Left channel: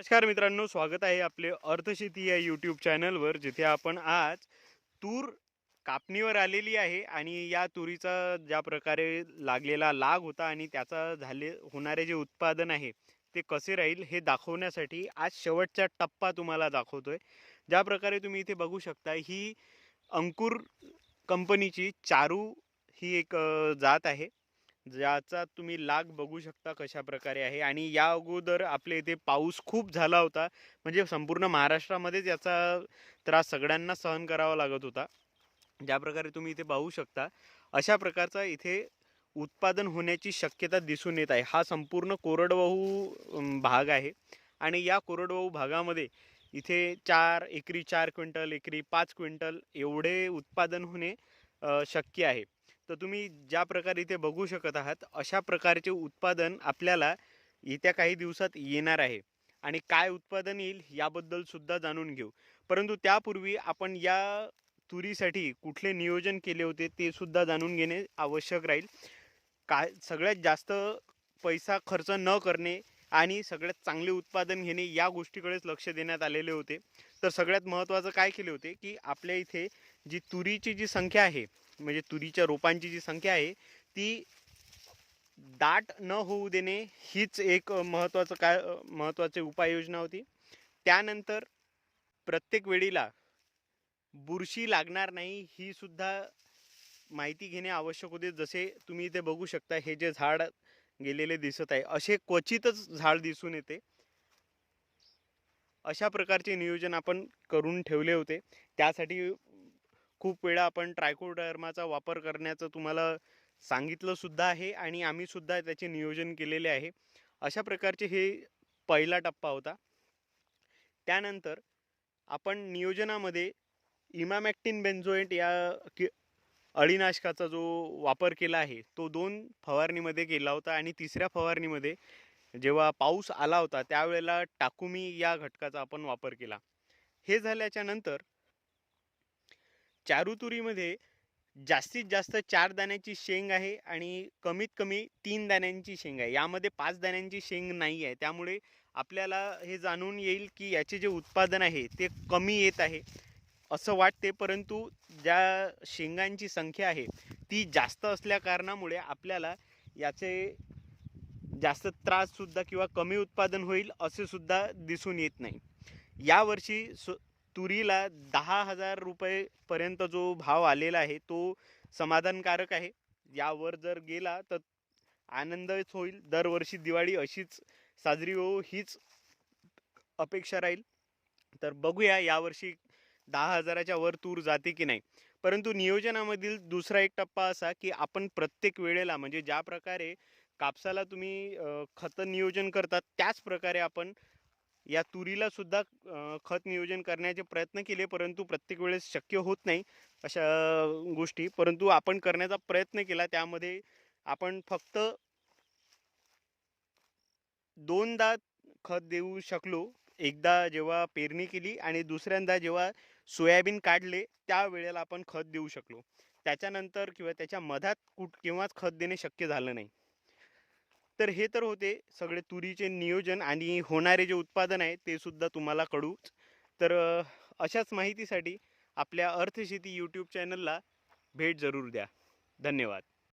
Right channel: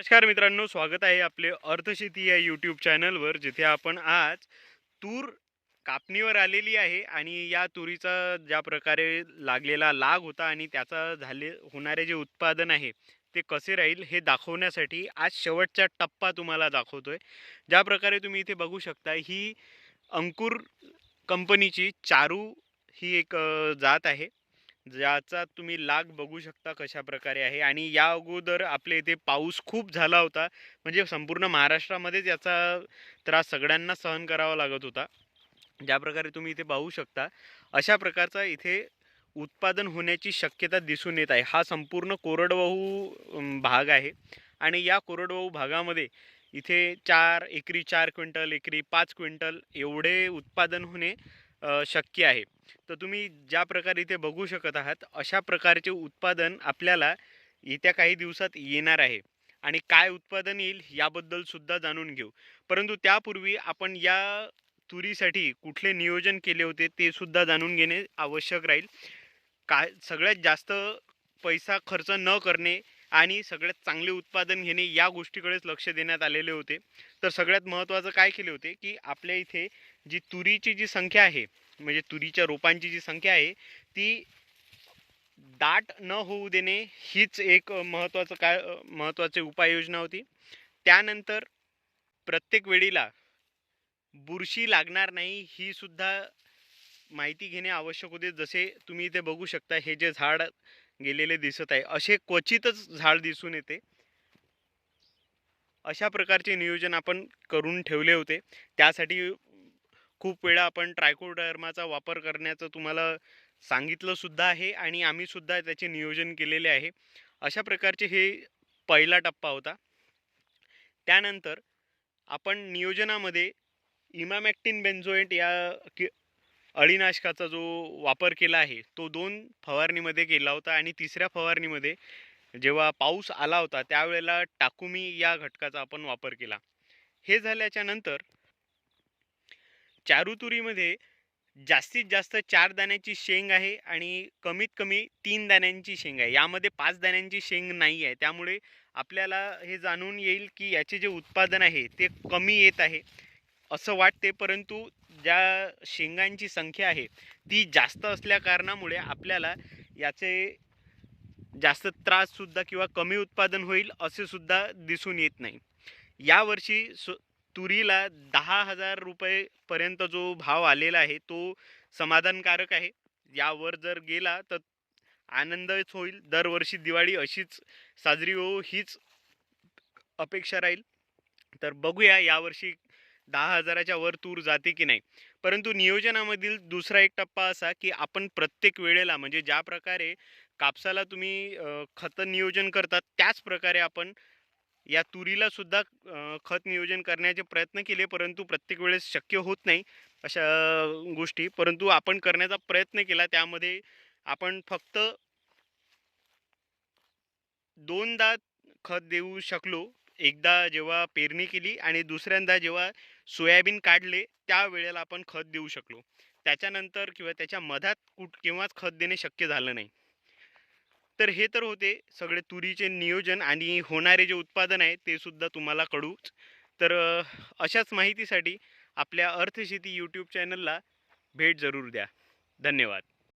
नमस्कार मित्रांनो स्वागत आहे आपले अर्थशेती या यूट्यूब चॅनलवर जिथे आपण आज तूर कापणीवर आलेली आहे आणि या तुरीचा ज्या प्रकारे लागलेला लाग होता आणि त्याचा झाले होणारे जे उत्पादन आहे ते कसे राहील हे दाखवण्यासाठी आज शेवटचा टप्पा तुम्हाला दाखवतोय. ज्या प्रकारे तुम्ही इथे बघू शकता ही अंकुर कंपनीची चारू ही एक जात आहे. ज्याचा तुम्ही लाग बघू शकता कशा प्रकारे आहे. आणि या अगोदर आपल्या इथे पाऊस खूप झाला होता. म्हणजे संपूर्ण महाराष्ट्रामध्येच याचा त्रास सगळ्यांना सहन करावा लागत होता. ज्या प्रकारे तुम्ही इथे पाहू शकता अशा प्रकारचा इथे उत्पादन होण्याची शक्यता दिसून येत आहे. हा संपूर्ण कोरडवाहू भाग आहे. आणि या कोरडवाहू भागामध्ये इथे चार एकरी चार क्विंटल एकरी पाच क्विंटल एवढे उत्पादन होणे शक्य आहे. तर तुम्ही ज्या प्रकारे इथे बघू शकत आहात अशा प्रकारचे उत्पादन आपल्याला येत्या काही दिवसात येणार आहे. आणि काय उत्पादन येईल याबद्दल सुद्धा जाणून घेऊ. परंतु त्यापूर्वी आपण या तुरीसाठी कुठले नियोजन केले होते ते सुद्धा जाणून घेणे आवश्यक राहील. काय सगळ्यात जास्त पैसा खर्च न करणे आणि सगळ्यात चांगले उत्पादन घेणे या गोष्टीकडेच लक्ष देण्यात आलेले होते. तर सगळ्यात महत्त्वाचं काय केले होते की आपल्या इथे जी तुरीची जी संख्या आहे म्हणजे तुरीच्या रोपांची जी संख्या आहे ती दाट न होऊ देणे हीच एक महत्त्वाचं काय महत्त्वाचे महत्त्वाची उपाययोजना होती. त्यानंतर प्रत्येक वेळीला बुरशी लागणार नाही ही सुद्धा माहिती घेणे आवश्यक होते. जसे तुम्ही इथे बघू शकता हे जे झाड गेलेले दिसत आहे. असे क्वचितच झाड दिसून येते. अशा प्रकारचे नियोजन आपण करून ठेवले होते. त्यासाठी खूप वेळा आपण ट्रायकोडर्माचा वापर करण्याचं तुम्हाला सांगितलंसुद्धा आहे आणि आम्हीसुद्धा त्याचे नियोजन केलेले आहे. अशा प्रकारचे हे पहिला टप्पा होता. त्यानंतर आपण नियोजनामध्ये इमामॅक्टिन बेन्झोएट या कि अळीनाशकाचा जो वापर केला आहे तो दोन फवारणीमध्ये केला होता आणि तिसऱ्या फवारणीमध्ये जेव्हा पाऊस आला होता त्यावेळेला टाकुमी या घटकाचा आपण वापर केला. हे झाल्याच्यानंतर चारुतुरीमध्ये जास्तीत जास्त चार दाण्याची शेंग आहे आणि कमीत कमी तीन दाण्यांची शेंग आहे. यामध्ये पाच दाण्यांची शेंग नाही आहे. त्यामुळे आपल्याला हे जाणून येईल की याचे जे उत्पादन आहे ते कमी येत आहे असं वाटते. परंतु ज्या शेंगांची संख्या आहे ती जास्त असल्या कारणामुळे आपल्याला याचे जास्त त्राससुद्धा किंवा कमी उत्पादन होईल असे सुद्धा दिसून येत नाही. यावर्षी सु तुरीला दहा हजार रुपयेपर्यंत जो भाव आलेला आहे तो समाधानकारक आहे. यावर जर गेला तर आनंदच होईल. दरवर्षी दिवाळी अशीच साजरी हो हीच अपेक्षा राहील. तर बघूया यावर्षी दहा हजाराच्या वर तूर जाते की नाही. परंतु नियोजनामधील दुसरा एक टप्पा असा की आपण प्रत्येक वेळेला म्हणजे ज्या प्रकारे कापसाला तुम्ही खतं नियोजन करतात त्याच प्रकारे आपण या तुरीला सुद्धा खत नियोजन करण्याचे प्रयत्न केले परंतु प्रत्येक वेळेस शक्य होत नाही अशा गोष्टी. परंतु आपण करण्याचा प्रयत्न केला त्यामध्ये आपण फक्त दोनदा खत देऊ शकलो एकदा जेव्हा पेरणी केली आणि दुसऱ्यांदा जेव्हा सोयाबीन काढले त्यावेळेला आपण खत देऊ शकलो. त्याच्यानंतर किंवा त्याच्या मधात कुठ केव्हाच खत देणे शक्य झालं नाही. तर हे तर होते सगळे तुरीचे नियोजन आणि होणारे जे उत्पादन आहे ते सुद्धा तुम्हाला कळूच. तर अशाच माहितीसाठी आपल्या अर्थशेती यूट्यूब चॅनलला भेट जरूर द्या. धन्यवाद.